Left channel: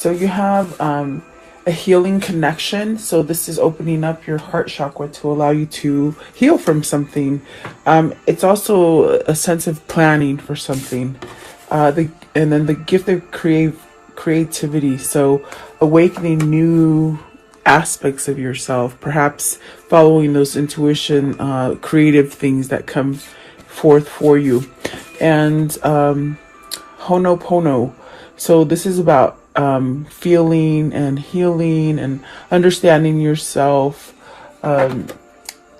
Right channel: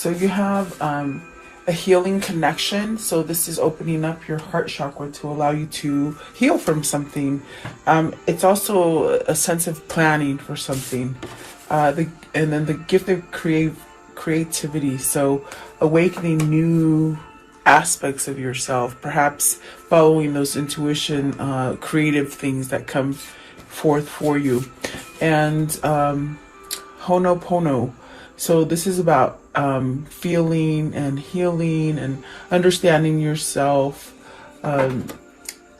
So you have a healing connection. So this is opening up your heart chakra to allow you to heal from something. It's also a sense of planning for something. And then the gift of creativity. So awakening new aspects of yourself, perhaps following those intuition, creative things that come forth for you. And Honopono. So this is about feeling and healing and understanding yourself,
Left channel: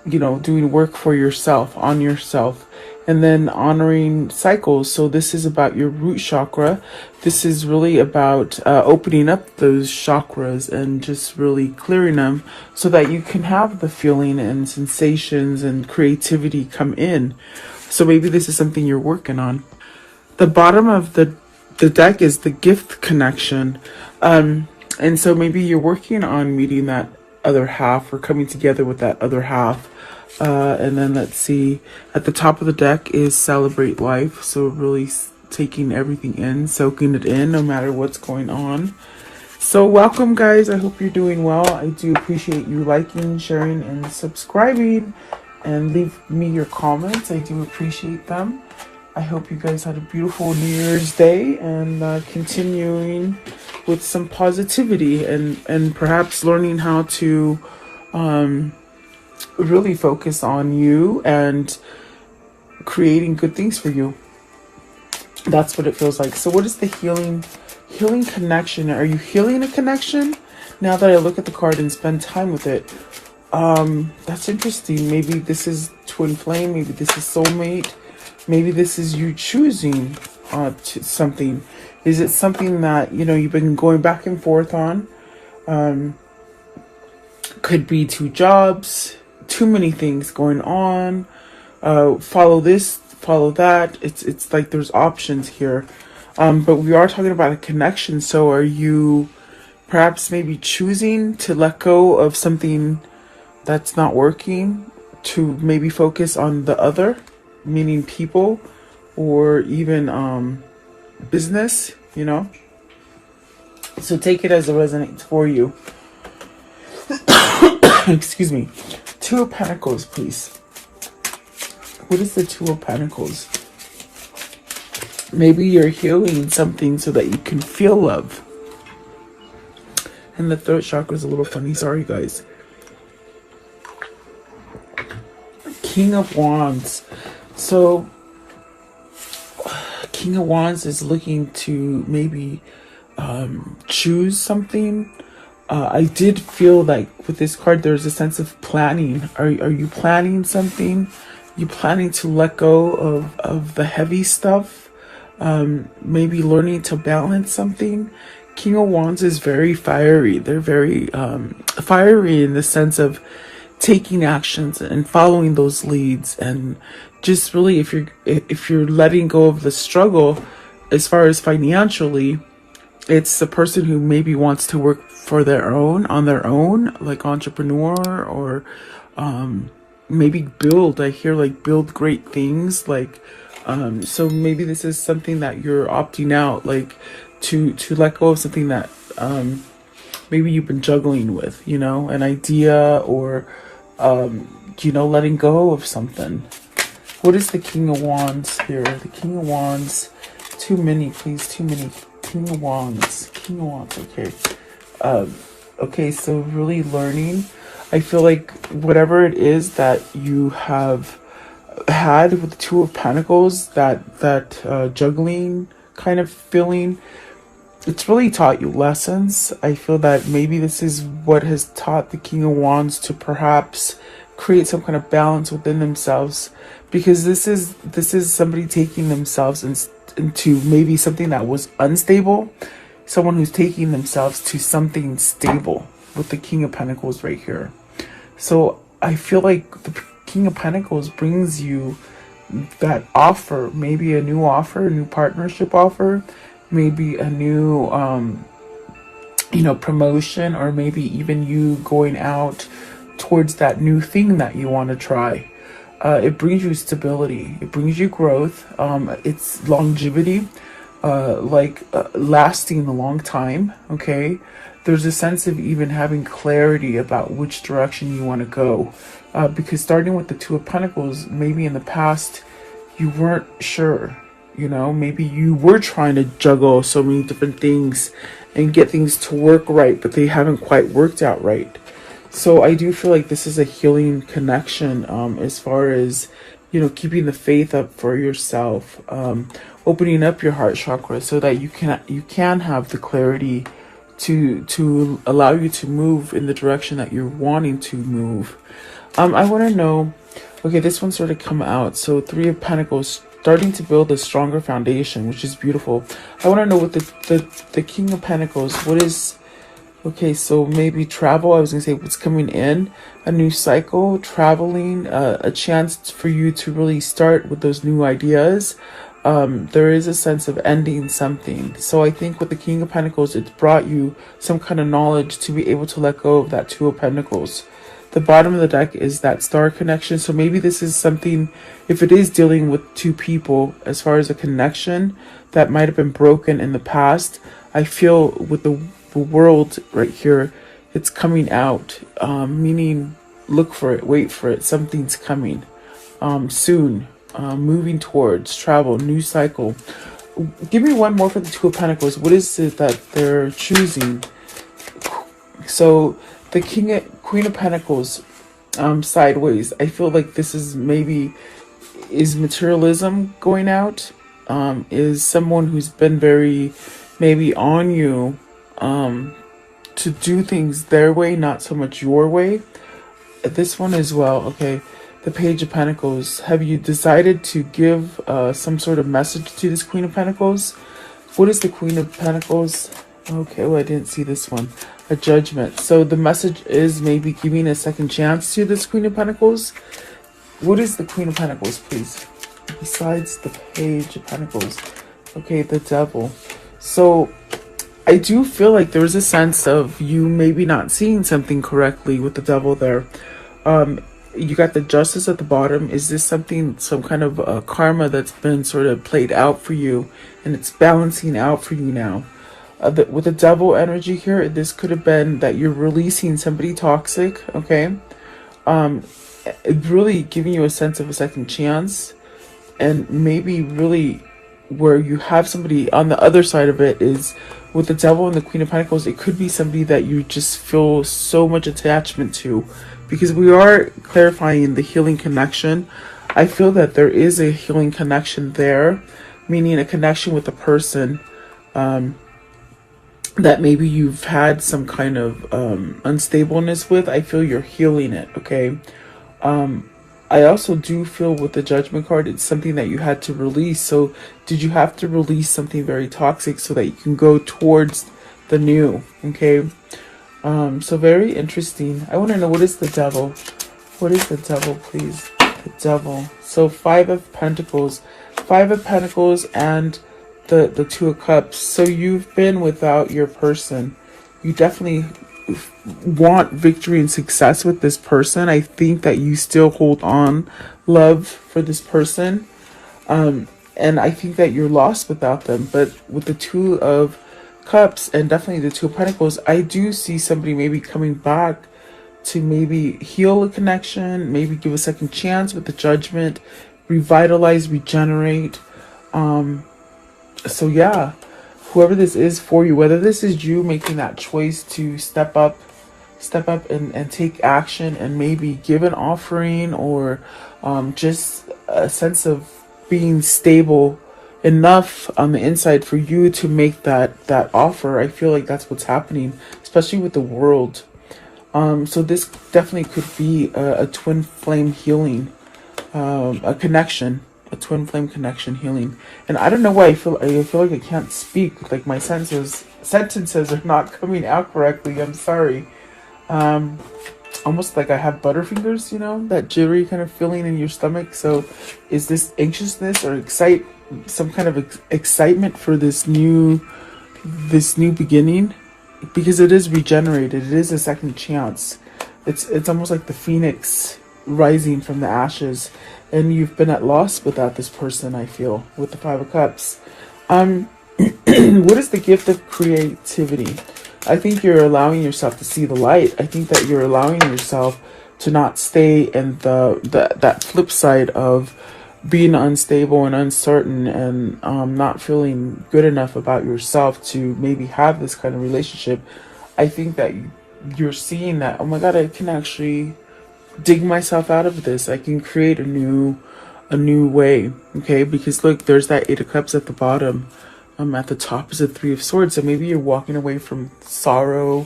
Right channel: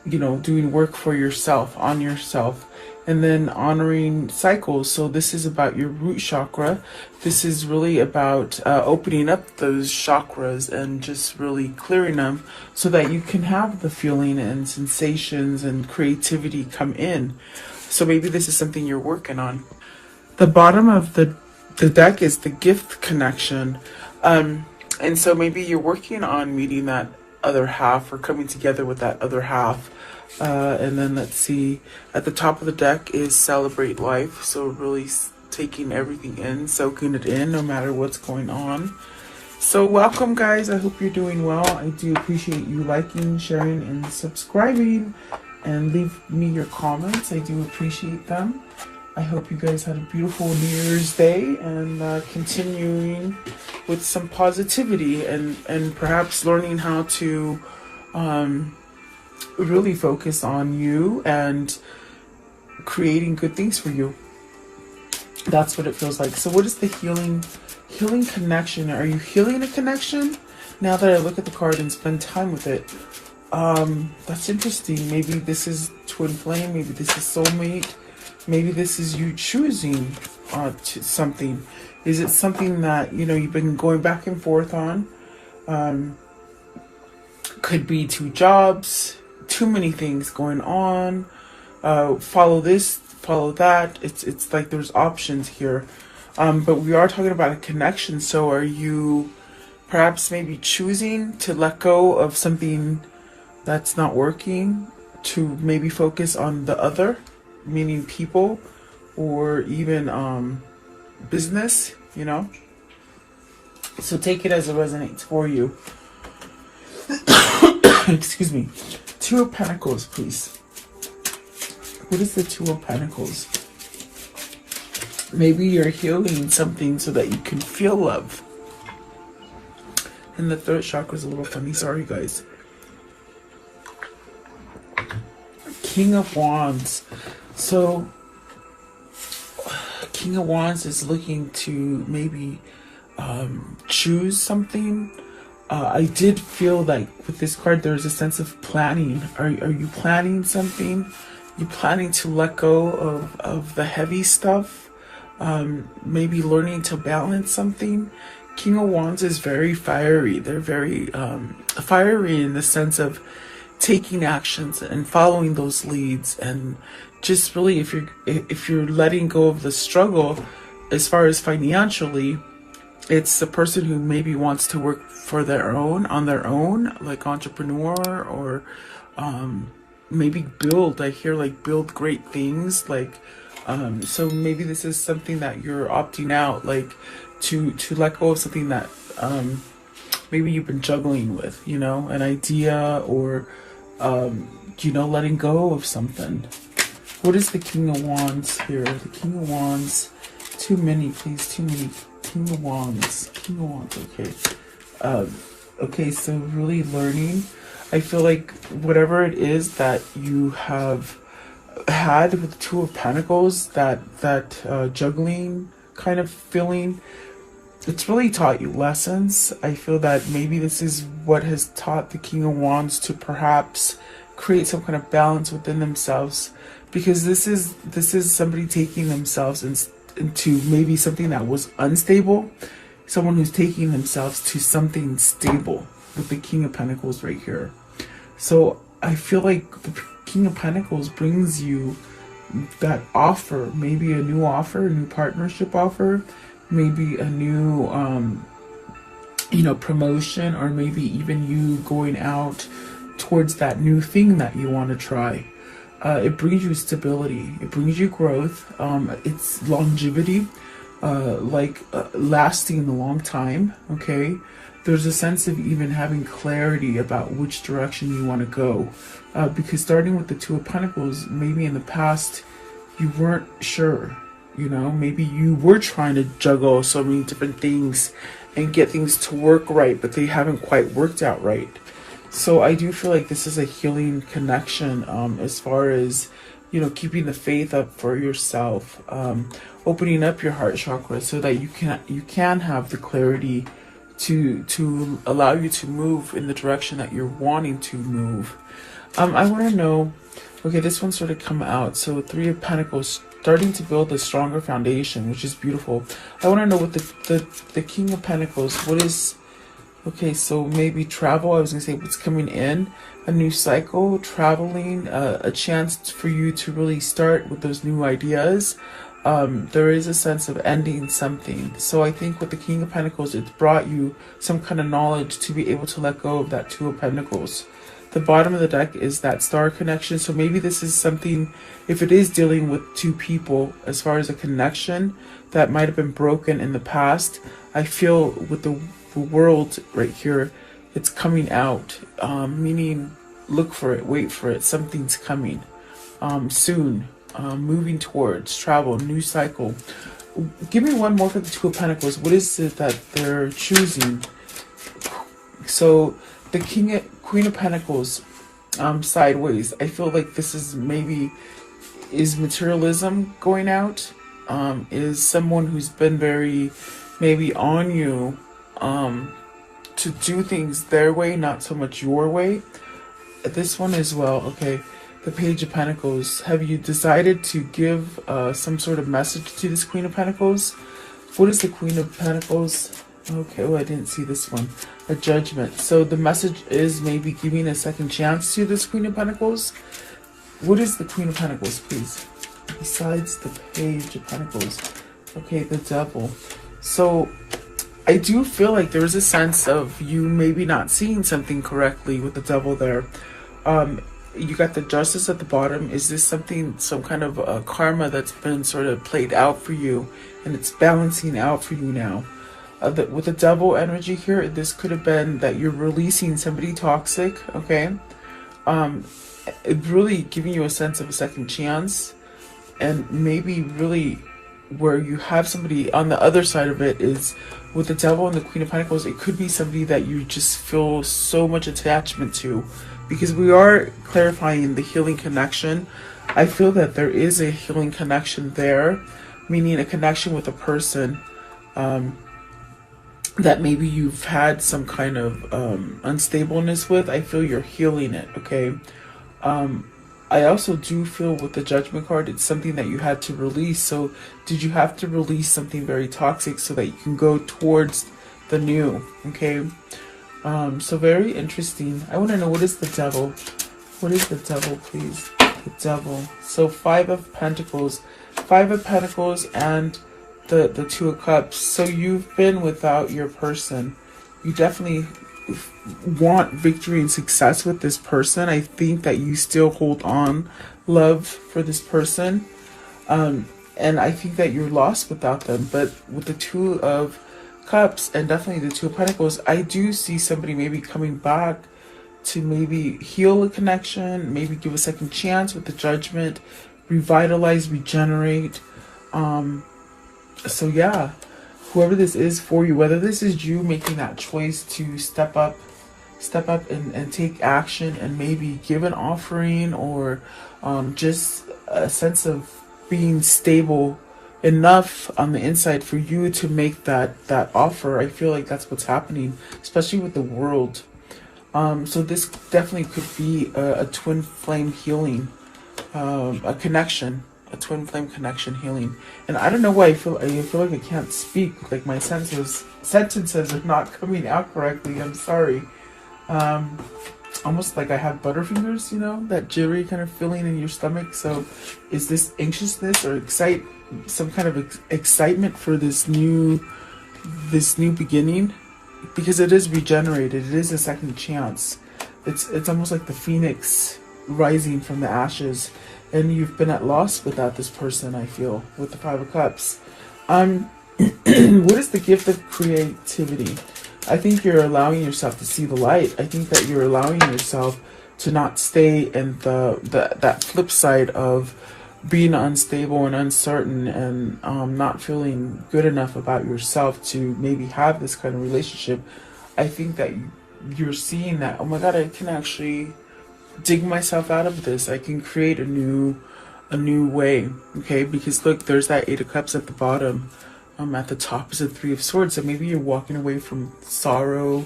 doing work for yourself, on yourself. And then honoring cycles. So this is about your root chakra. This is really about opening up those chakras and just really clearing them so that you can have the feeling and sensations and creativity come in. So maybe this is something you're working on. The bottom of the deck is the gift connection. And so maybe you're working on meeting that other half or coming together with that other half. And then let's see, at the top of the deck is celebrate life. So really taking everything in, soaking it in, no matter what's going on. So welcome, guys. I hope you're doing well. I do appreciate you liking, sharing, and subscribing. And leave me your comments. I do appreciate them. I hope you guys had a beautiful New Year's Day and continuing with some positivity and perhaps learning how to really focus on you and creating good things for you. That's what it feels like. So what is the healing connection? Are you healing a connection? Now that I look at the card and spend time with it, that's interesting. Maybe this is twin flame. Maybe this is soulmate. Maybe this is you choosing to something. Is it something that you've been going back and forth on? Could be two jobs, too many things going on. Follow this, follow that. It's like there's options here. But we are talking about a connection. So are you perhaps maybe choosing to let go of something that's not working to maybe focus on the other, meaning people or even business, So take it as it resonates for you. Excuse me. Two of Pentacles, please. What is the Two of Pentacles? Maybe you're healing something so that you can feel love. And the third chakra is a little funny. Sorry, guys. King of Wands. So, King of Wands is looking to maybe choose something. I did feel like with this card, there's a sense of planning. Are you planning something? You planning to let go of the heavy stuff? Maybe learning to balance something. King of Wands is very fiery. They're very fiery in the sense of taking actions and following those leads, and just really if you're letting go of the struggle as far as financially, it's the person who maybe wants to work for on their own, like entrepreneur, or maybe build. I hear like build great things, like so maybe this is something that you're opting out, like to let go of something that maybe you've been juggling with, an idea, or letting go of something. What is the King of Wands here? The King of Wands. Too many, please. Too many. King of Wands. King of Wands. Okay. Okay, so really learning. I feel like whatever it is that you have had with the Two of Pentacles, that juggling kind of feeling, it's really taught you lessons. I feel that maybe this is what has taught the King of Wands to perhaps create some kind of balance within themselves, because this is somebody taking themselves into maybe something that was unstable, someone who's taking themselves to something stable with the King of Pentacles right here. So I feel like the King of Pentacles brings you that offer, maybe a new offer, a new partnership offer, maybe a new promotion, or maybe even you going out towards that new thing that you want to try. It brings you stability, it brings you growth, it's longevity. lasting a long time, okay? There's a sense of even having clarity about which direction you want to go. Because starting with the Two of Pentacles, maybe in the past you weren't sure, you know, maybe you were trying to juggle so many different things and get things to work right, but they haven't quite worked out right. So I do feel like this is a healing connection, as far as, you know, keeping the faith up for yourself, opening up your heart chakra so that you can have the clarity to allow you to move in the direction that you're wanting to move. I want to know, okay, this one started to come out. So Three of Pentacles, starting to build a stronger foundation, which is beautiful. I want to know what the King of Pentacles, what is, okay, so maybe travel. I was going to say what's coming in, a new cycle, traveling, a chance for you to really start with those new ideas. There is a sense of ending something. So I think with the King of Pentacles, it's brought you some kind of knowledge to be able to let go of that Two of Pentacles. The bottom of the deck is that star connection. So maybe this is something, if it is dealing with two people, as far as a connection that might have been broken in the past, I feel with the world right here, it's coming out, meaning look for it, wait for it, something's coming soon, moving towards travel, new cycle. Give me one more for the Two of Pentacles. What is it that they're choosing? So the Queen of Pentacles, sideways. I feel like this is is materialism going out, is someone who's been very maybe on you, to do things their way, not so much your way. This one as well, okay, the Page of Pentacles. Have you decided to give some sort of message to this Queen of Pentacles? What is the Queen of Pentacles? Okay, well, I didn't see this one. A Judgment. So the message is maybe giving a second chance to this Queen of Pentacles. What is the Queen of Pentacles, please? Besides the Page of Pentacles. Okay, the Devil. So I do feel like there was a sense of you maybe not seeing something correctly with the Devil there. You got the Justice at the bottom. Is this something, some kind of karma that's been sort of played out for you and it's balancing out for you now? With the Devil energy here, this could have been that you're releasing somebody toxic, okay? Really giving you a sense of a second chance, and maybe really where you have somebody on the other side of it is with the Devil and the Queen of Pentacles. It could be somebody that you just feel so much attachment to, because we are clarifying the healing connection. I feel that there is a healing connection there, meaning a connection with a person that maybe you've had some kind of unstableness with. I feel you're healing it, okay? I also do feel with the Judgment card, it's something that you had to release. So did you have to release something very toxic so that you can go towards the new, okay? So very interesting. I want to know, what is the Devil? What is the Devil, please? The Devil. So Five of Pentacles. Five of Pentacles and the Two of Cups. So you've been without your person. You definitely want victory and success with this person. I think that you still hold on love for this person, and I think that you're lost without them. But with the Two of Cups and definitely the Two of Pentacles, I do see somebody maybe coming back to maybe heal a connection, maybe give a second chance with the Judgment, revitalize, regenerate. So yeah, whoever this is for you, whether this is you making that choice to step up and take action and maybe give an offering, or just a sense of being stable enough on the inside for you to make that offer. I feel like that's what's happening, especially with the world. So this definitely could be a twin flame healing, a connection. A twin flame connection healing. And I don't know why I feel like I can't speak. Like my sentences are not coming out correctly. I'm sorry. Almost like I have butterfingers, you know, that jittery kind of feeling in your stomach. So is this anxiousness or some kind of excitement for this new beginning? Because it is regenerated. It is a second chance. It's almost like the phoenix rising from the ashes. And you've been at loss without this person, I feel, with the Five of Cups. What is the gift of creativity? I think you're allowing yourself to see the light. I think that you're allowing yourself to not stay in that flip side of being unstable and uncertain, and not feeling good enough about yourself to maybe have this kind of relationship. I think that you're seeing that, oh my god, I can actually dig myself out of this. I can create a new way. Okay, because look, there's that Eight of Cups at the bottom. At the top is the Three of Swords. So maybe you're walking away from sorrow,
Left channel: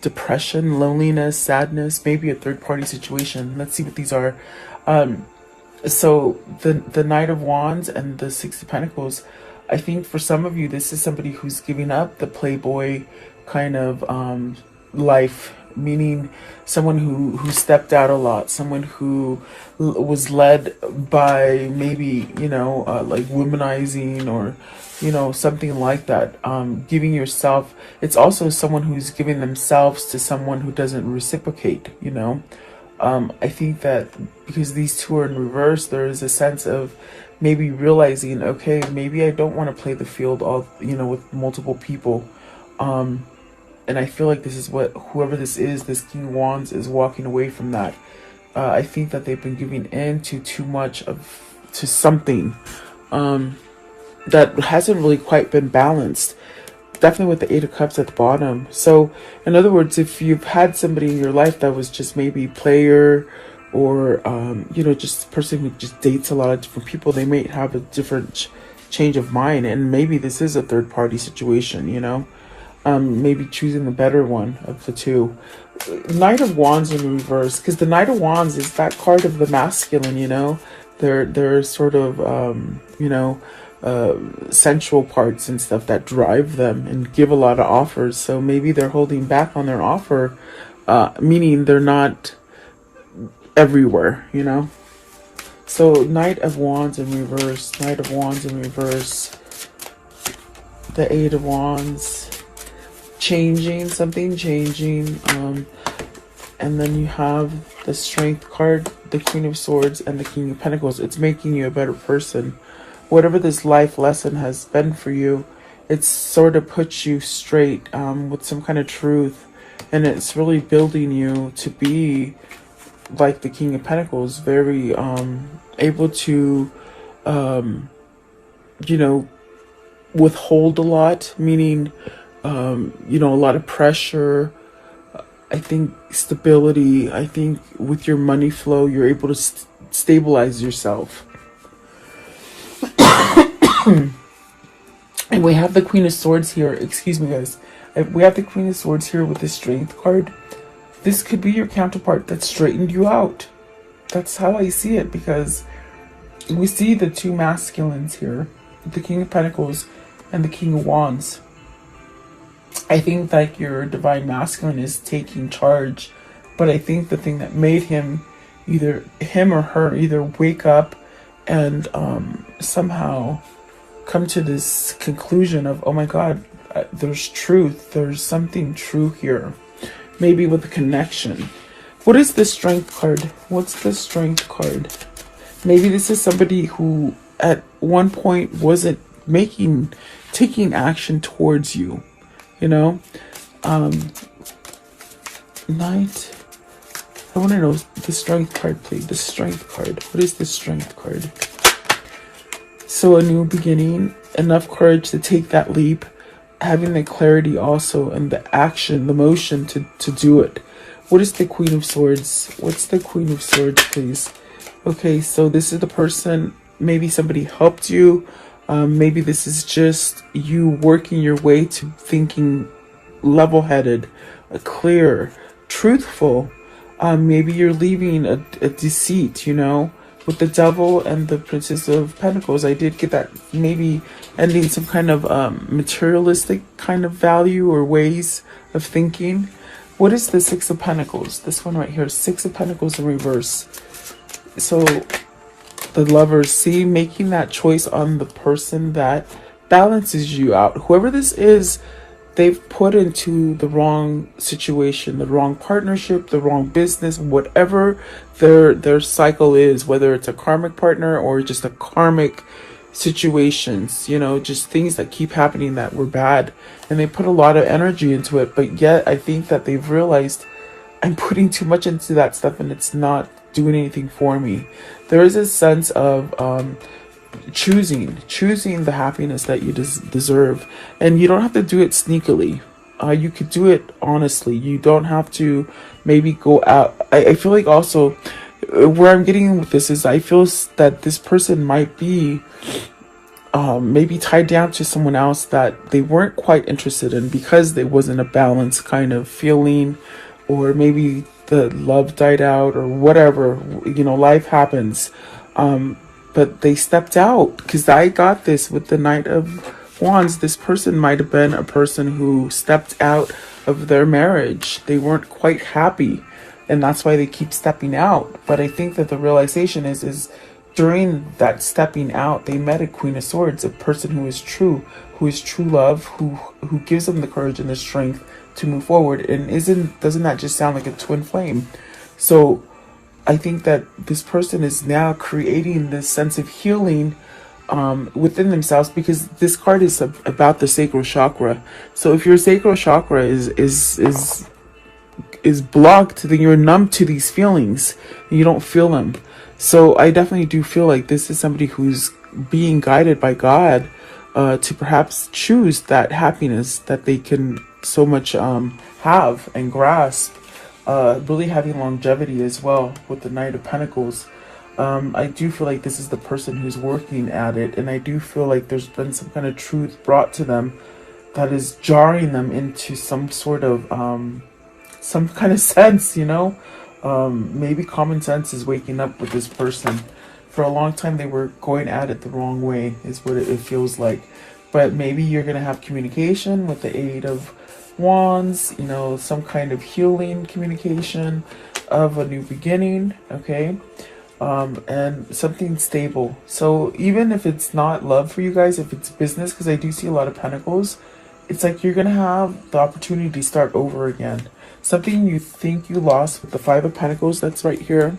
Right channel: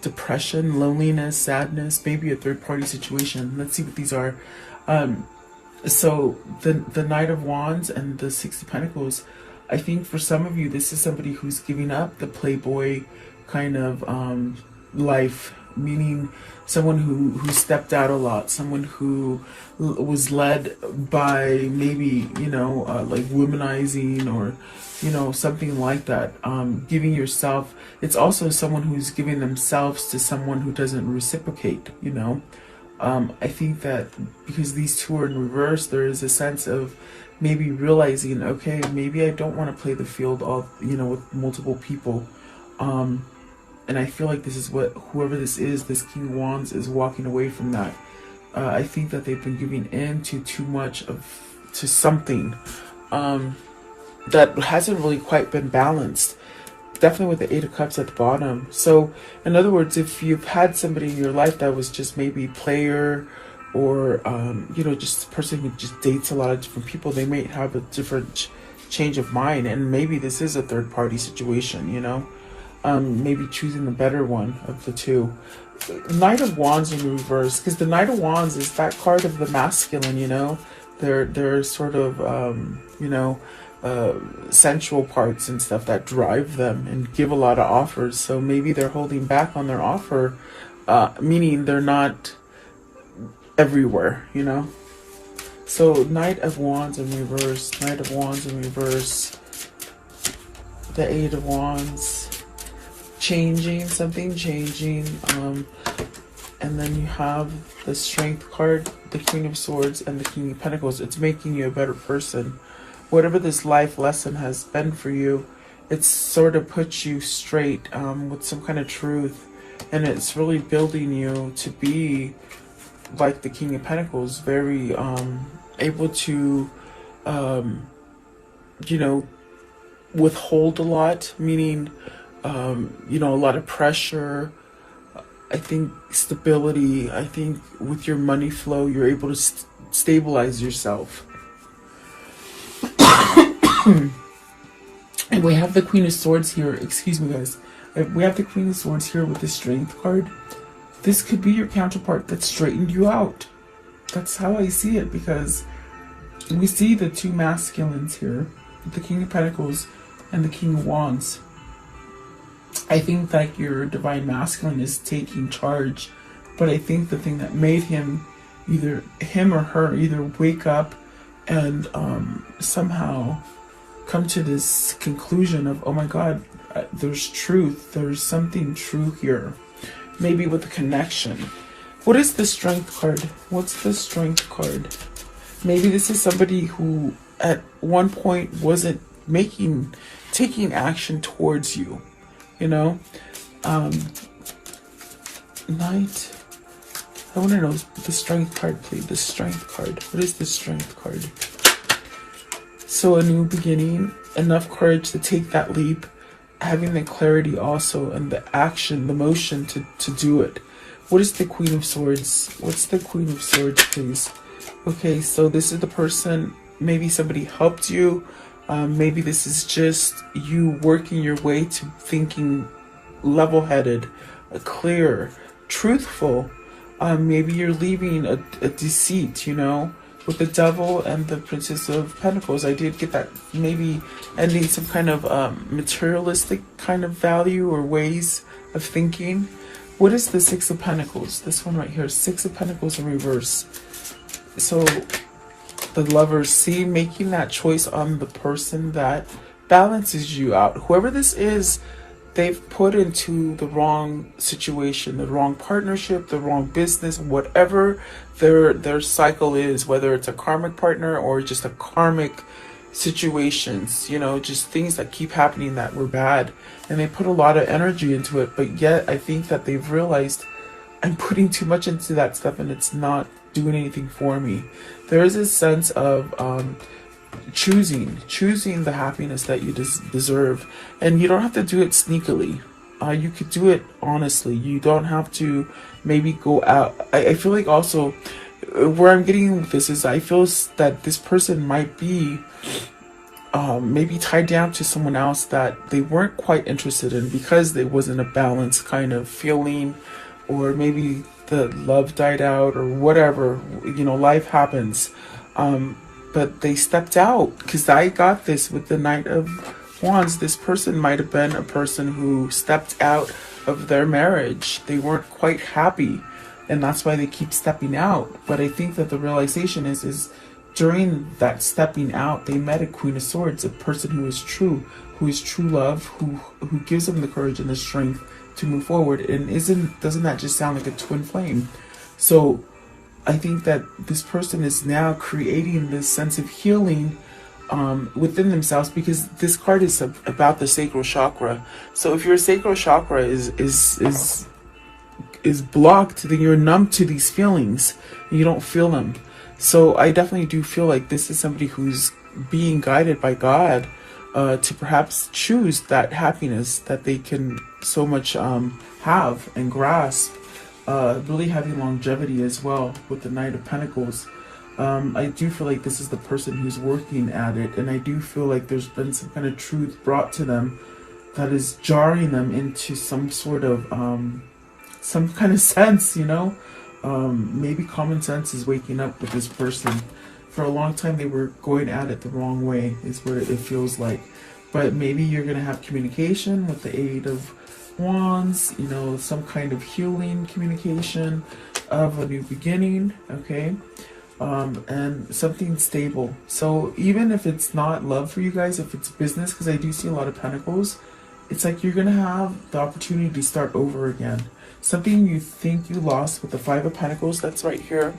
depression, loneliness, sadness, maybe a third party situation. Let's see what these are. So the Knight of Wands and the Six of Pentacles. I think for some of you, this is somebody who's giving up the playboy kind of life, meaning someone who stepped out a lot, someone who was led by maybe, like womanizing, or something like that. Giving yourself, it's also someone who's giving themselves to someone who doesn't reciprocate. I think that because these two are in reverse, there is a sense of maybe realizing, okay, maybe I don't want to play the field all, with multiple people. And I feel like this is what, whoever this is, this King of Wands, is walking away from that. I think that they've been giving in to too much to something that hasn't really quite been balanced. Definitely with the Eight of Cups at the bottom. So, in other words, if you've had somebody in your life that was just maybe a player, or just a person who just dates a lot of different people, they may have a different change of mind, and maybe this is a third party situation. Maybe choosing the better one of the two. Knight of Wands in reverse, because the Knight of Wands is that card of the masculine. They're sort of sensual parts and stuff that drive them and give a lot of offers. So maybe they're holding back on their offer, meaning they're not everywhere. So Knight of Wands in reverse, Knight of Wands in reverse, the Eight of Wands. Something changing, and then you have the Strength card, the Queen of Swords, and the King of Pentacles. It's making you a better person. Whatever this life lesson has been for you, it's sort of puts you straight with some kind of truth, and it's really building you to be like the King of Pentacles, very able to withhold a lot, meaning a lot of pressure. I think stability. I think with your money flow, you're able to stabilize yourself. And we have the Queen of Swords here. Excuse me, guys. We have the Queen of Swords here with the Strength card. This could be your counterpart that straightened you out. That's how I see it, because we see the two masculines here, the King of Pentacles and the King of Wands. I think that your divine masculine is taking charge, but I think the thing that made him or her either wake up and somehow come to this conclusion of, oh my god, there's truth, there's something true here, maybe with a connection. What is the Strength card? What's the Strength card? Maybe this is somebody who at one point wasn't taking action towards you. Knight. I want to know the Strength card, please. The Strength card. What is the Strength card? So a new beginning, enough courage to take that leap, having the clarity also and the action, the motion to do it. What is the Queen of Swords? What's the Queen of Swords, please? Okay, so this is the person, maybe somebody helped you. Maybe this is just you working your way to thinking level-headed, clear, truthful. Maybe you're leaving a deceit, with the Devil and the Princess of Pentacles. I did get that, maybe ending some kind of materialistic kind of value or ways of thinking. What is the Six of Pentacles? This one right here, Six of Pentacles in reverse. So the Lovers, see, making that choice on the person that balances you out. Whoever this is, they've put into the wrong situation, the wrong partnership, the wrong business, whatever their cycle is, whether it's a karmic partner or just a karmic situations, you know, just things that keep happening that were bad. And they put a lot of energy into it, but yet I think that they've realized I'm putting too much into that stuff and it's not doing anything for me. There is a sense of choosing the happiness that you deserve, and you don't have to do it sneakily. You could do it honestly. You don't have to maybe go out. I feel like also where I'm getting with this is I feel that this person might be maybe tied down to someone else that they weren't quite interested in because there wasn't a balanced kind of feeling, or maybe the love died out or whatever, you know, life happens. But they stepped out, because I got this with the Knight of Wands. This person might have been a person who stepped out of their marriage. They weren't quite happy, and that's why they keep stepping out. But I think that the realization is during that stepping out, they met a Queen of Swords, a person who is true love, who gives them the courage and the strength to move forward. And doesn't that just sound like a twin flame? So I think that this person is now creating this sense of healing within themselves, because this card is about the sacral chakra. So if your sacral chakra is blocked, then you're numb to these feelings and you don't feel them. So I definitely do feel like this is somebody who's being guided by God to perhaps choose that happiness that they can so much have and grasp. Really having longevity as well with the Knight of Pentacles. I do feel like this is the person who's working at it, and I do feel like there's been some kind of truth brought to them that is jarring them into some sort of some kind of sense, you know. Maybe common sense is waking up with this person. For a long time they were going at it the wrong way, is what it feels like. But maybe you're going to have communication with the Eight of Wands, you know, some kind of healing communication of a new beginning, okay? And something stable. So even if it's not love for you guys, if it's business, because I do see a lot of pentacles, it's like you're going to have the opportunity to start over again. Something you think you lost with the Five of Pentacles, that's right here.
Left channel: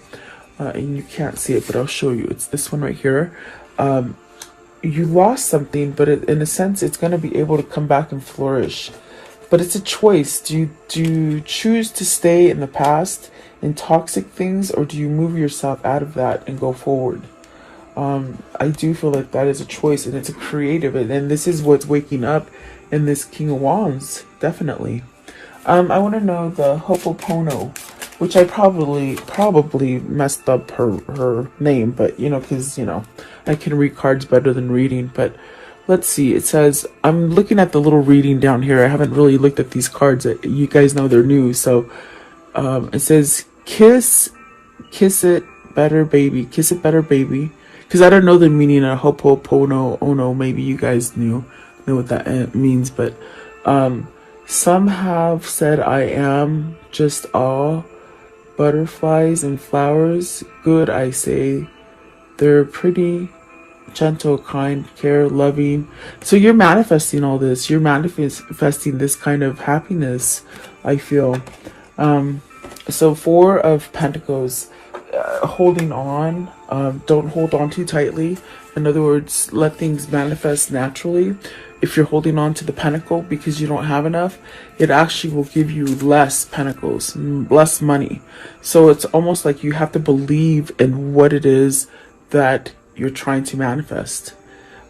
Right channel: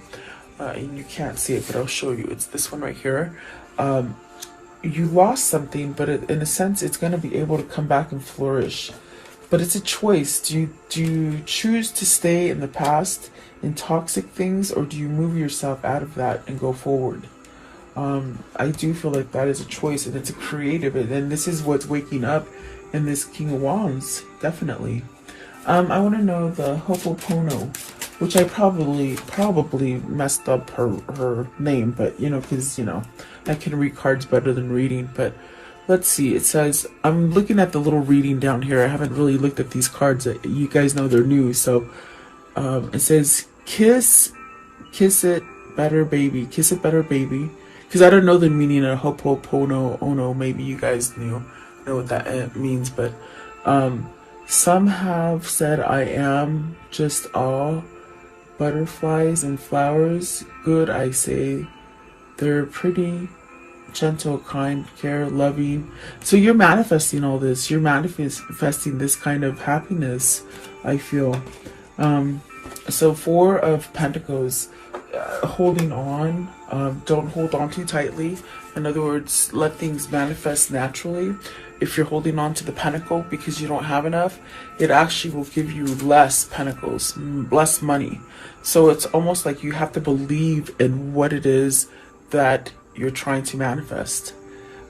And you can't see it, but I'll show you. It's this one right here. You lost something, but in a sense, it's going to be able to come back and flourish. But it's a choice. Do you choose to stay in the past in toxic things, or do you move yourself out of that and go forward? I do feel like that is a choice, and it's a creative, and this is what's waking up in this King of Wands, definitely. I want to know the Ho'oponopono, which I probably messed up her name, but you know, because you know, I can read cards better than reading. But let's see, it says, I'm looking at the little reading down here. I haven't really looked at these cards. You guys know they're new. So it says, kiss it better, baby. Kiss it better, baby. Because I don't know the meaning of Ho'oponopono. Maybe you guys know what that means. But some have said I am just all butterflies and flowers. Good, I say. They're pretty, gentle, kind, care, loving. So you're manifesting all this. You're manifesting this kind of happiness, I feel. So Four of Pentacles, holding on. Don't hold on too tightly. In other words, let things manifest naturally. If you're holding on to the pentacle because you don't have enough, it actually will give you less pentacles, less money. So it's almost like you have to believe in what it is that you're trying to manifest.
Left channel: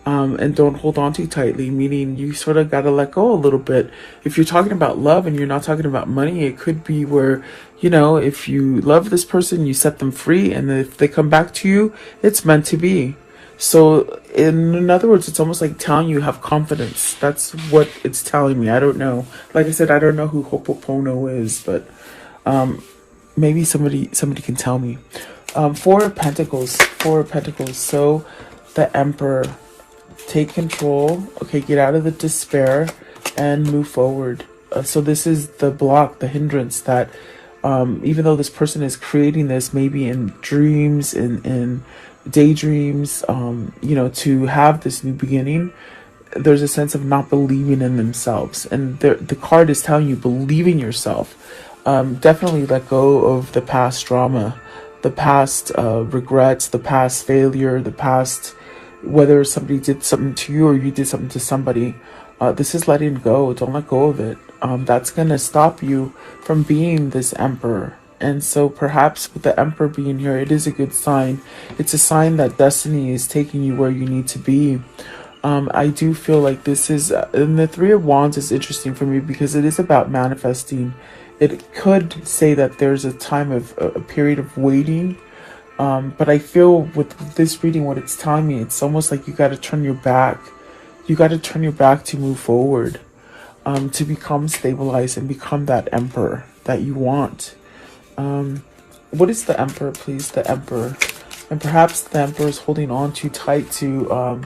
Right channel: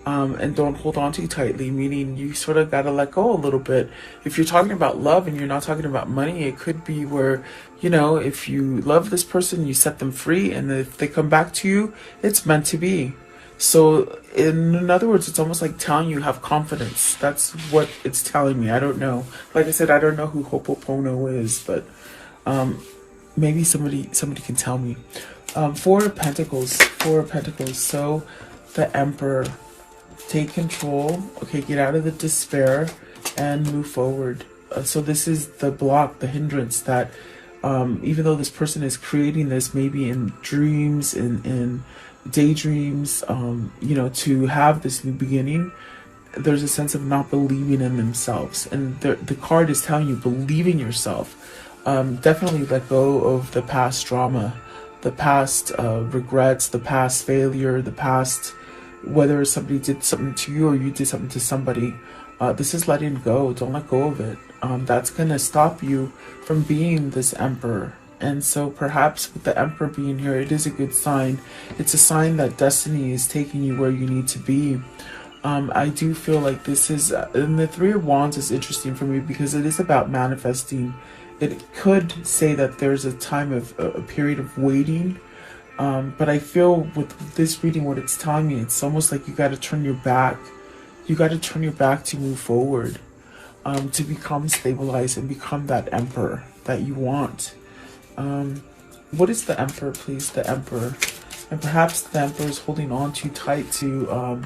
And don't hold on too tightly, meaning you sort of got to let go a little bit. If you're talking about love and you're not talking about money, it could be where, you know, if you love this person, you set them free, and if they come back to you, it's meant to be. So in other words, it's almost like telling you have confidence. That's what it's telling me. I don't know. Like I said, I don't know who Ho'oponopono is, but maybe somebody can tell me. Four of Pentacles. So the Emperor. Take control. Okay, get out of the despair and move forward. So this is the block, the hindrance that even though this person is creating this maybe in dreams, in daydreams, you know, to have this new beginning, there's a sense of not believing in themselves. And the card is telling you, believe in yourself. Definitely let go of the past drama, the past regrets, the past failure, the past whether somebody did something to you or you did something to somebody, this is letting go. Don't let go of it. That's going to stop you from being this emperor. And so perhaps with the emperor being here, it is a good sign. It's a sign that destiny is taking you where you need to be. I do feel like this is, and the Three of Wands is interesting for me because it is about manifesting. It could say that there's a time of a period of waiting. But I feel with this reading, what it's telling me, it's almost like you got to turn your back. You got to turn your back to move forward, to become stabilized and become that emperor that you want. What is the emperor, please? The emperor. And perhaps the emperor is holding on too tight to,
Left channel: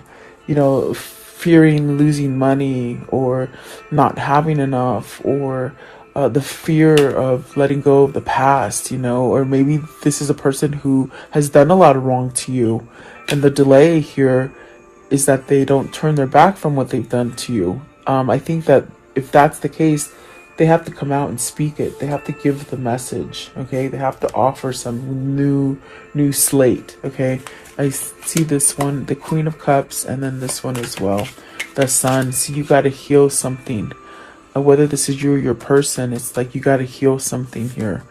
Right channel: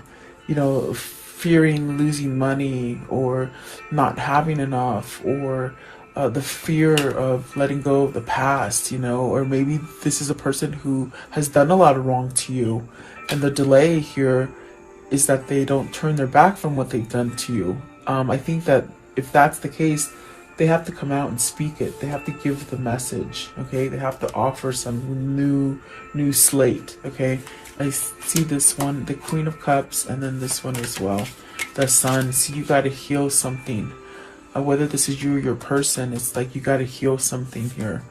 you know, fearing losing money or not having enough, or the fear of letting go of the past, you know, or maybe this is a person who has done a lot of wrong to you. And the delay here is that they don't turn their back from what they've done to you. I think that if that's the case, they have to come out and speak it. They have to give the message, okay? They have to offer some new slate, okay? I see this one, the Queen of Cups, and then this one as well, the Sun. So you got to heal something. Whether this is you or your person, it's like you got to heal something here.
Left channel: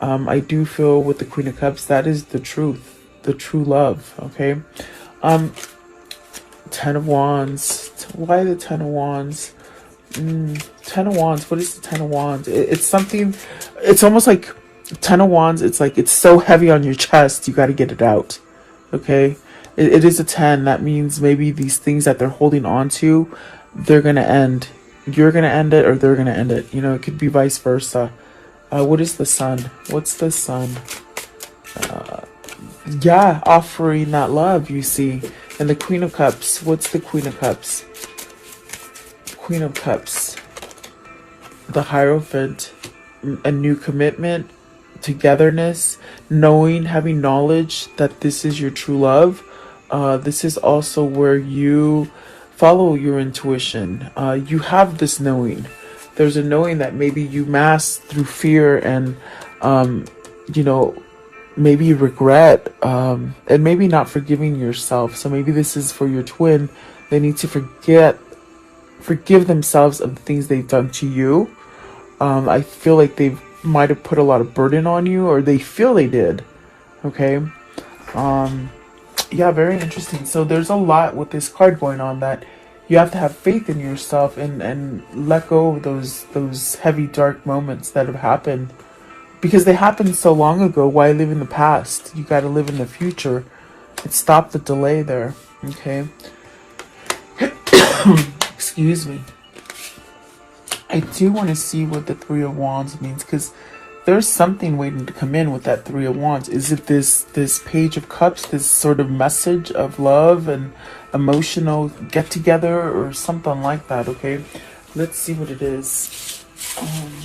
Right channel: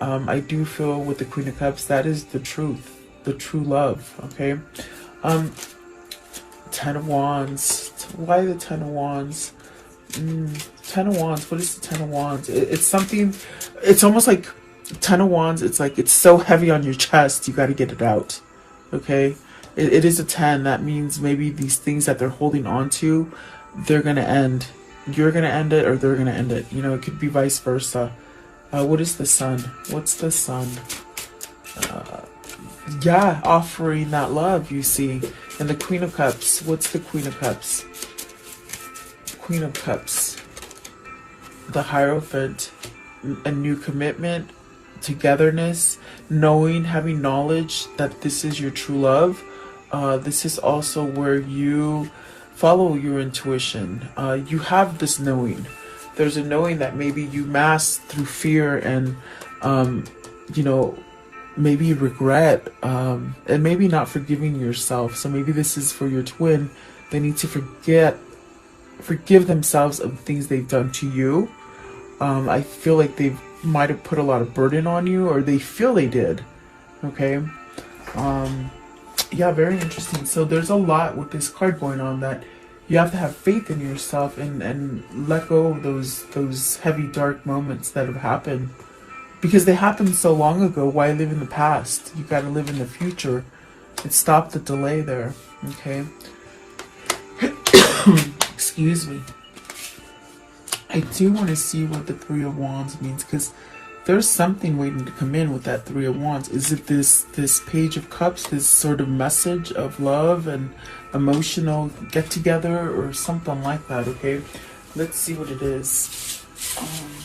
I do feel with the Queen of Cups, that is the truth, the true love, okay? Ten of Wands. Why the Ten of Wands? Ten of Wands. What is the Ten of Wands? It's something, it's almost like Ten of Wands. It's like it's so heavy on your chest, you got to get it out, okay? It is a 10. That means maybe these things that they're holding on to, they're going to end. You're going to end it or they're going to end it. You know, it could be vice versa. What is the Sun? What's the Sun? Yeah, offering that love, you see. And the Queen of Cups. What's the Queen of Cups? Queen of Cups. The Hierophant. A new commitment. Togetherness. Knowing, having knowledge that this is your true love. This is also where you follow your intuition. You have this knowing. There's a knowing that maybe you mask through fear and, you know, maybe regret, and maybe not forgiving yourself. So maybe this is for your twin. They need to forgive themselves of the things they've done to you. I feel like they might have put a lot of burden on you, or they feel they did. Okay. Yeah, very interesting. So there's a lot with this card going on, that you have to have faith in yourself and let go of those heavy, dark moments that have happened. Because they happened so long ago, why live in the past? You got to live in the future. Stop the delay there, okay? Excuse me. I do want to see what the Three of Wands means, because there's something waiting to come in with that Three of Wands. Is it this Page of Cups, this sort of message of love and emotional get-together or something like that, okay? Let's see what it is.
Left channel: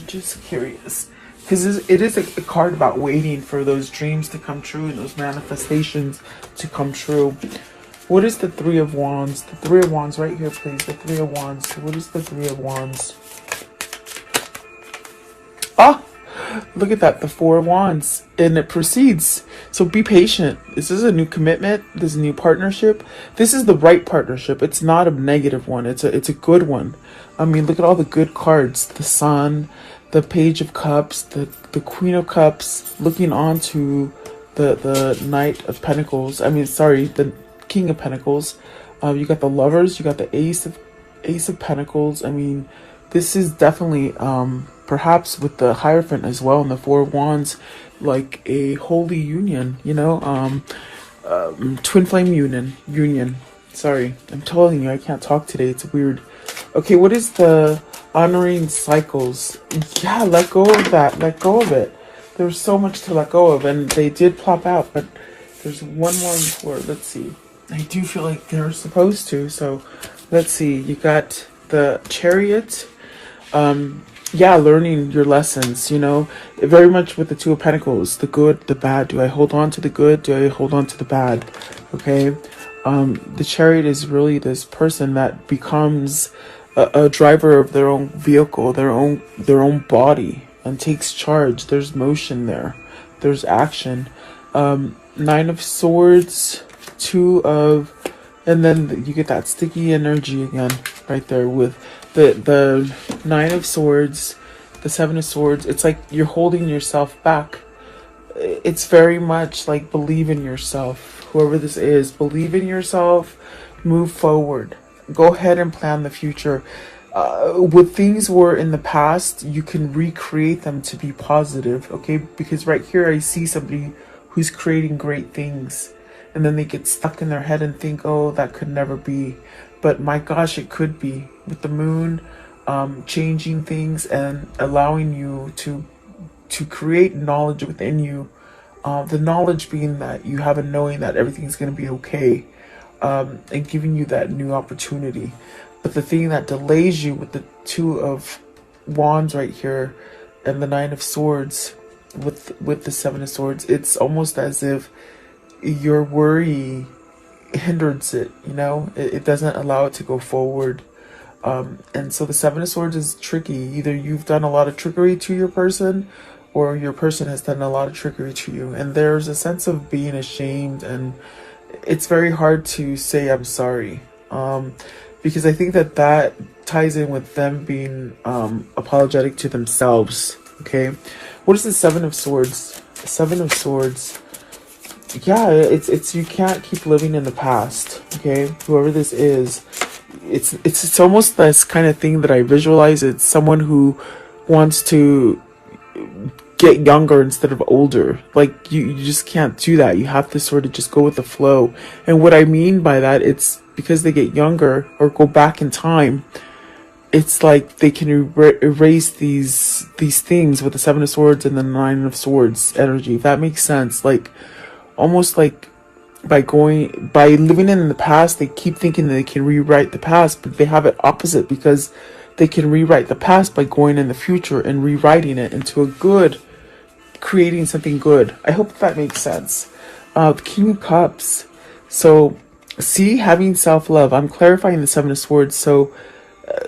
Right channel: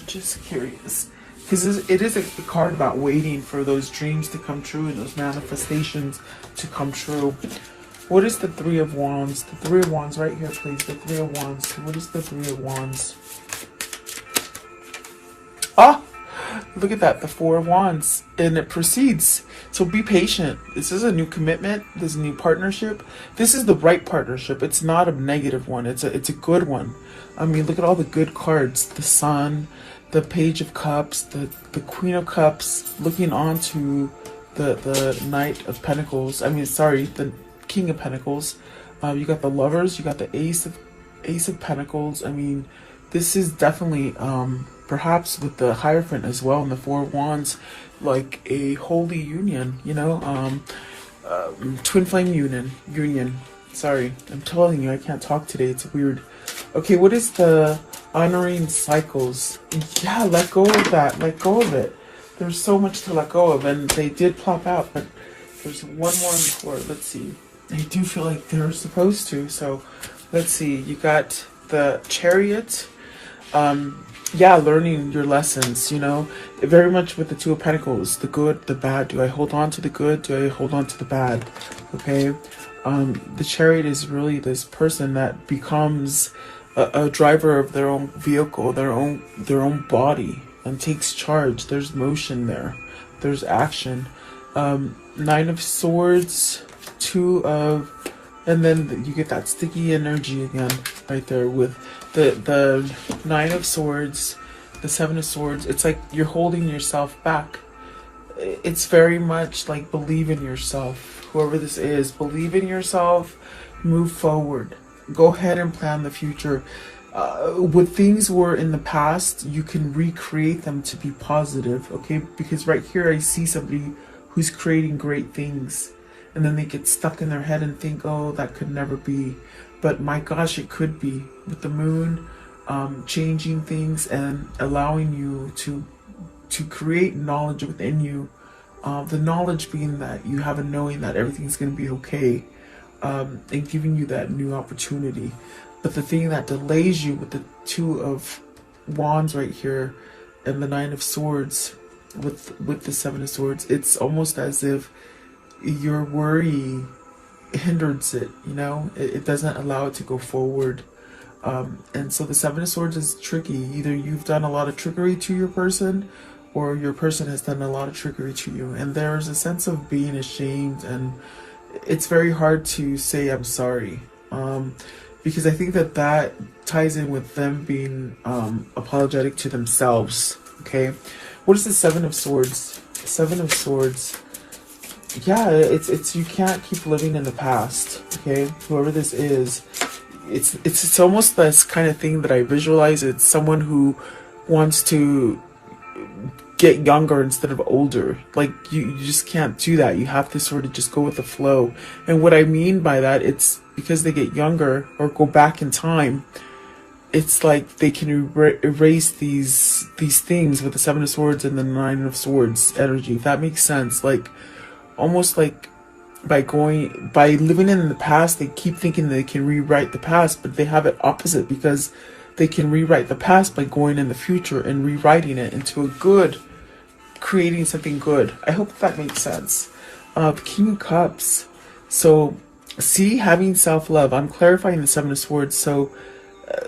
Just curious. Because it is a card about waiting for those dreams to come true and those manifestations to come true. What is the Three of Wands? The Three of Wands right here, please. The Three of Wands. What is the Three of Wands? Ah! Look at that, the Four of Wands, and it proceeds. So be patient. This is a new commitment. This is a new partnership. This is the right partnership. It's not a negative one. It's a good one. I mean, look at all the good cards. The Sun, the Page of Cups, the Queen of Cups, looking on to the Knight of Pentacles. I mean, sorry, the King of Pentacles. You got the Lovers. You got the Ace of Pentacles. I mean, this is definitely perhaps with the Hierophant as well, and the Four of Wands, like a holy union, you know, twin flame union. Sorry, I'm telling you, I can't talk today. It's weird. Okay, what is the honoring cycles? Yeah, let go of that. Let go of it. There's so much to let go of, and they did plop out, but there's one more before. Let's see. I do feel like they're supposed to, so let's see. You got the Chariot. Yeah, learning your lessons, you know, very much with the Two of Pentacles, the good, the bad. Do I hold on to the good? Do I hold on to the bad? Okay. The Chariot is really this person that becomes a driver of their own vehicle, their own body, and takes charge. There's motion there. There's action. Nine of Swords, Two of And then you get that sticky energy again right there with the Nine of Swords, the Seven of Swords. It's like you're holding yourself back. It's very much like believe in yourself. Whoever this is, believe in yourself, move forward. Go ahead and plan the future. What things were in the past, you can recreate them to be positive, okay? Because right here I see somebody who's creating great things, and then they get stuck in their head and think, oh, that could never be. But my gosh, it could be. With the moon changing things and allowing you to create knowledge within you. The knowledge being that you have a knowing that everything's going to be okay, and giving you that new opportunity. But the thing that delays you with the Two of Wands right here and the Nine of Swords with the Seven of Swords, it's almost as if your worry hinders it, you know? It doesn't allow it to go forward. And so the Seven of Swords is tricky. Either you've done a lot of trickery to your person, or your person has done a lot of trickery to you. And there's a sense of being ashamed, and it's very hard to say I'm sorry. Because I think that ties in with them being apologetic to themselves, okay? What is the Seven of Swords? Seven of Swords. Yeah, it's you can't keep living in the past, okay? Whoever this is, it's almost this kind of thing that I visualize. It's someone who wants to get younger instead of older. Like you just can't do that. You have to sort of just go with the flow. And what I mean by that, it's because they get younger or go back in time. It's like they can erase these things with the Seven of Swords and the Nine of Swords energy. If that makes sense. Like almost like by living in the past, they keep thinking that they can rewrite the past, but they have it opposite, because they can rewrite the past by going in the future and rewriting it into a good, creating something good. I hope that makes sense. The King of Cups. So, see, having self-love. I'm clarifying the Seven of Swords. So,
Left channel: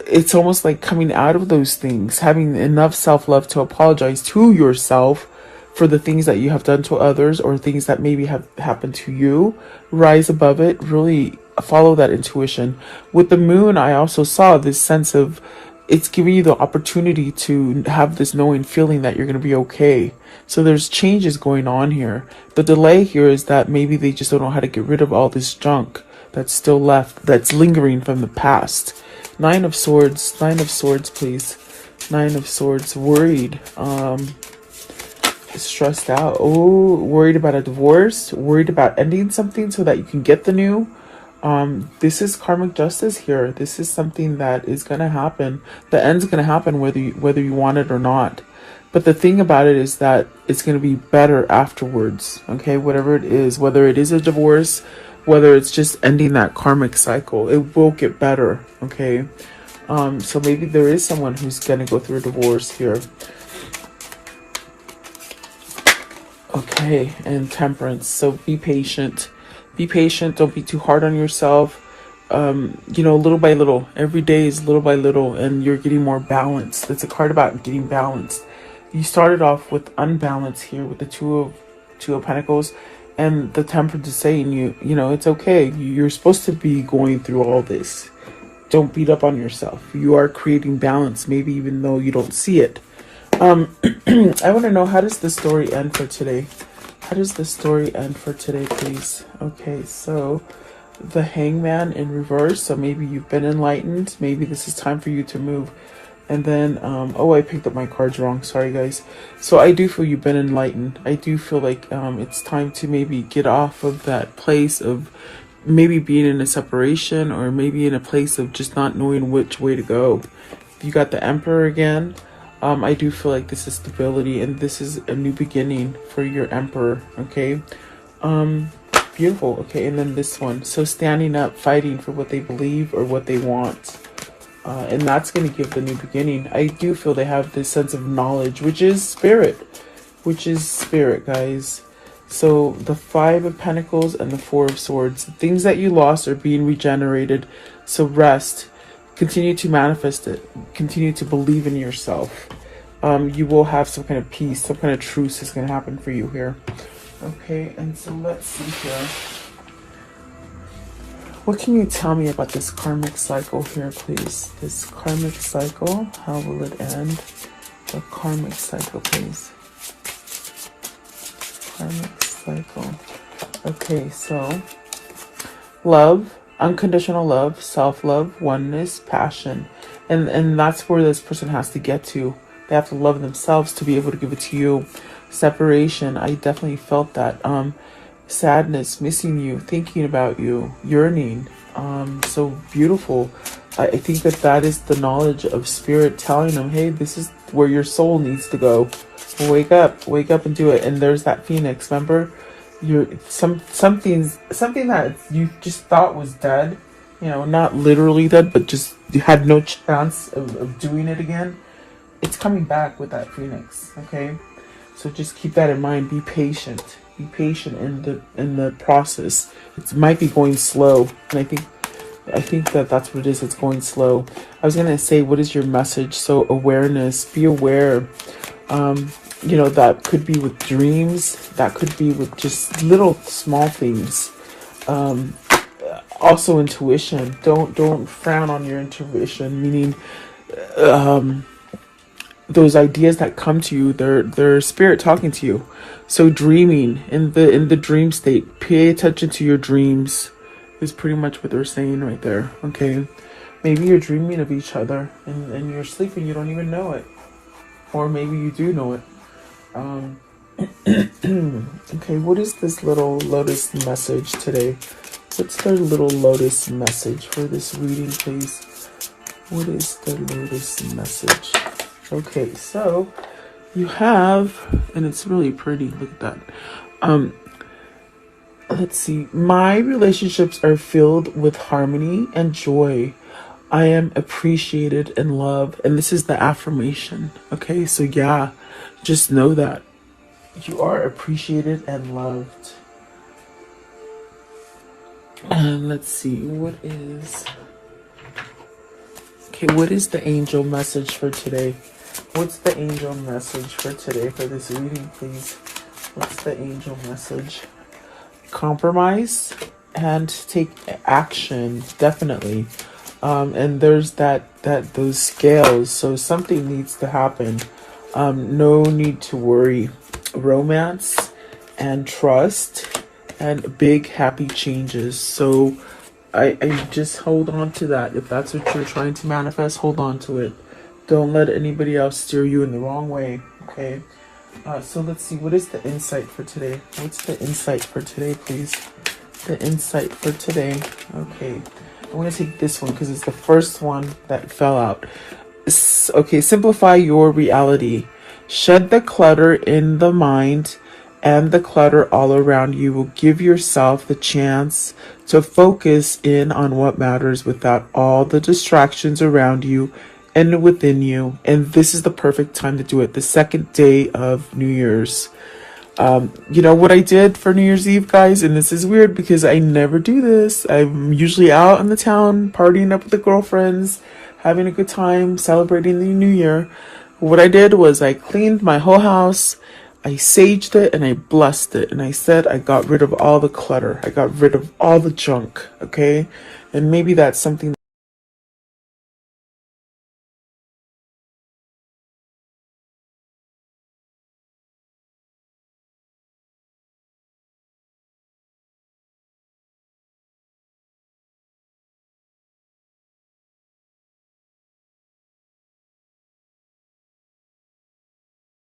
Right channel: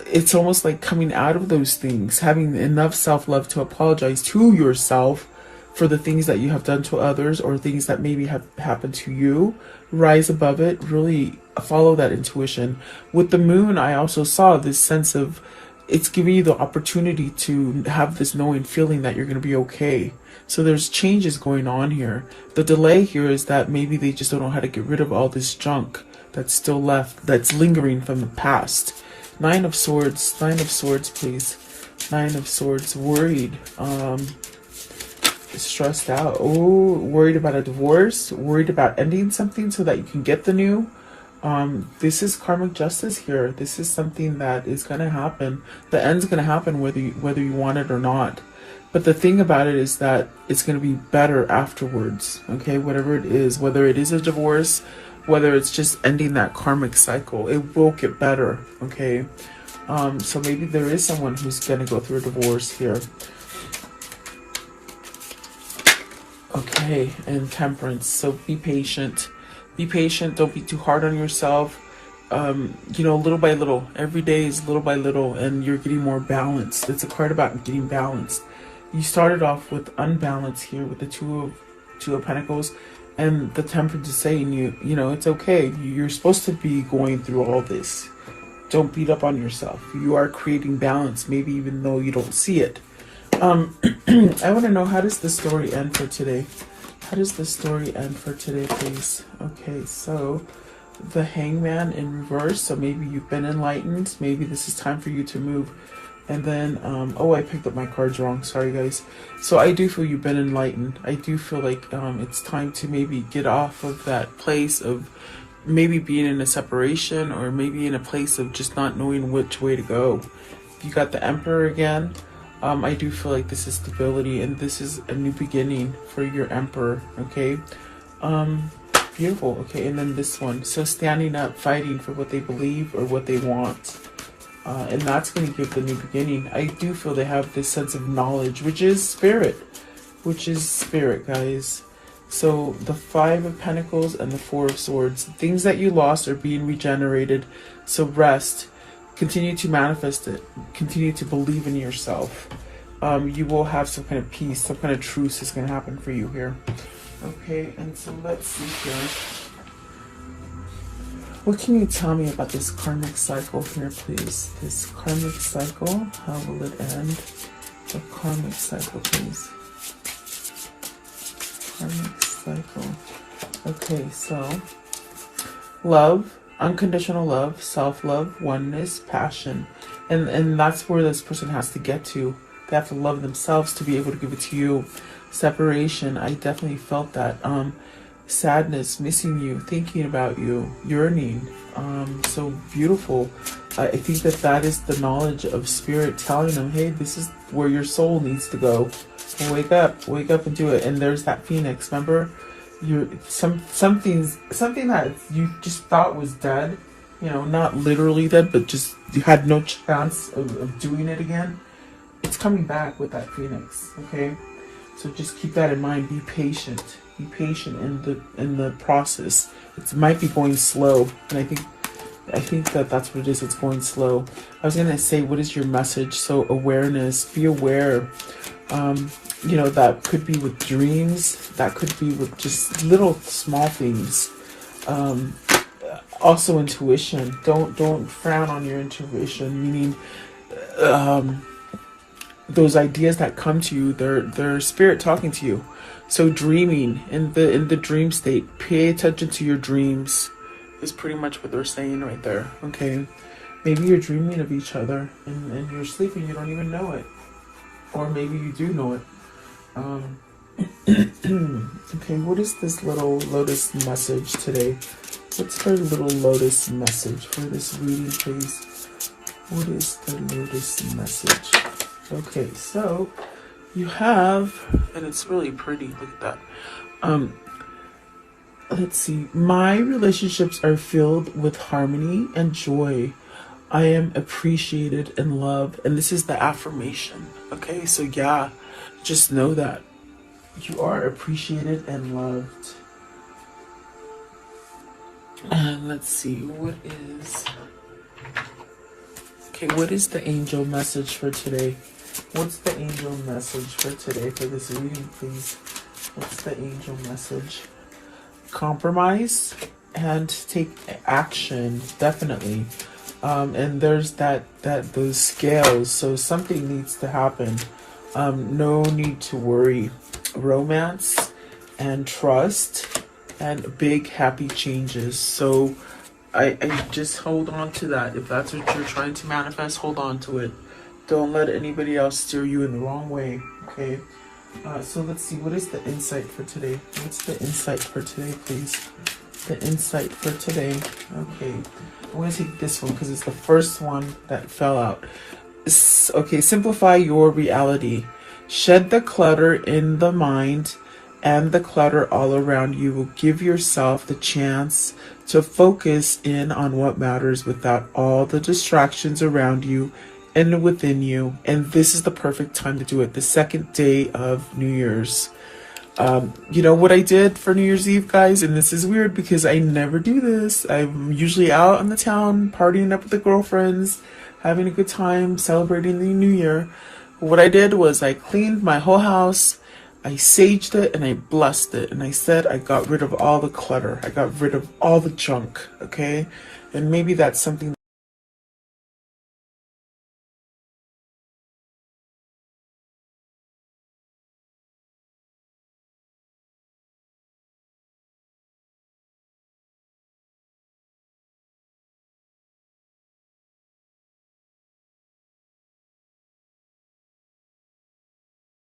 it's almost like coming out of those things, having enough self-love to apologize to yourself for the things that you have done to others, or things that maybe have happened to you. Rise above it. Really follow that intuition. With the moon, I also saw this sense of it's giving you the opportunity to have this knowing feeling that you're going to be okay. So there's changes going on here. The delay here is that maybe they just don't know how to get rid of all this junk that's still left, that's lingering from the past. Nine of Swords, please. Nine of Swords, worried, stressed out. Oh, worried about a divorce, worried about ending something so that you can get the new. This is karmic justice here. This is something that is going to happen. The end's going to happen whether you want it or not. But the thing about it is that it's going to be better afterwards. Okay, whatever it is, whether it is a divorce, whether it's just ending that karmic cycle, it will get better. Okay, so maybe there is someone who's going to go through a divorce here. Okay, and Temperance. So be patient. Be patient. Don't be too hard on yourself. You know, little by little. Every day is little by little, and you're getting more balanced. It's a card about getting balanced. You started off with unbalance here with the Two of Pentacles, and the Temperance is saying you know, it's okay. You're supposed to be going through all this. Don't beat up on yourself. You are creating balance, maybe even though you don't see it. I want to know, how does the story end for today? How does the story end for today, please? Okay, so the Hangman in reverse. So maybe you've been enlightened. Maybe this is time for you to move. And then, oh, I picked up my cards wrong. Sorry, guys. So I do feel you've been enlightened. I do feel like it's time to maybe get off of that place of maybe being in a separation, or maybe in a place of just not knowing which way to go. You got the Emperor again. I do feel like this is stability, and this is a new beginning for your Emperor, okay? Beautiful, okay, and then this one. So standing up, fighting for what they believe or what they want. And that's going to give the new beginning. I do feel they have this sense of knowledge, which is spirit. Guys. So the Five of Pentacles and the Four of Swords. Things that you lost are being regenerated. So rest. Continue to manifest it. Continue to believe in yourself. You will have some kind of peace, some kind of truce is going to happen for you here. Okay, and so let's see here. What can you tell me about this karmic cycle here, please? This karmic cycle, how will it end? The karmic cycle, please. Karmic cycle. Okay, so love, unconditional love, self-love, oneness, passion. And that's where this person has to get to. They have to love themselves to be able to give it to you. Separation, I definitely felt that. Sadness, missing you, thinking about you, yearning. So beautiful. I think that is the knowledge of spirit telling them, hey, this is where your soul needs to go. Wake up and do it. And there's that phoenix, remember? You're something that you just thought was dead, you know, not literally dead, but just you had no chance of doing it again. It's coming back with that phoenix, okay? So just keep that in mind. Be patient. Be patient in the process. It might be going slow, and I think that's what it is. It's going slow. I was gonna say, what is your message? So awareness. Be aware. You know, that could be with dreams. That could be with just little small things. Also intuition. Don't frown on your intuition. Meaning, those ideas that come to you, they're spirit talking to you. So dreaming in the dream state, pay attention to your dreams is pretty much what they're saying right there. Okay, maybe you're dreaming of each other and you're sleeping, you don't even know it, or maybe you do know it. Okay, what is this little lotus message today? What's the little lotus message for this reading, please? What is the lotus message? Okay, so you have, and it's really pretty, look at that. Let's see. My relationships are filled with harmony and joy. I am appreciated and loved. And this is the affirmation. Okay, so yeah, just know that you are appreciated and loved. And let's see, what is the angel message for today? What's the angel message for today for this reading, please? What's the angel message? Compromise and take action, definitely. And there's those scales, so something needs to happen. No need to worry. Romance and trust and big happy changes. So I just hold on to that. If that's what you're trying to manifest, hold on to it. Don't let anybody else steer you in the wrong way, okay? So let's see, what is the insight for today? What's the insight for today, please? The insight for today. Okay, I'm going to take this one because it's the first one that fell out. Okay, simplify your reality. Shed the clutter in the mind and the clutter all around you. Will give yourself the chance to focus in on what matters without all the distractions around you and within you. And this is the perfect time to do it. The second day of New Year's. You know what I did for New Year's Eve, guys? And this is weird because I never do this. I'm usually out in the town, partying up with the girlfriends, having a good time, celebrating the New Year. What I did was I cleaned my whole house, I saged it, and I blessed it. And I said I got rid of all the clutter. I got rid of all the junk, okay? And maybe that's something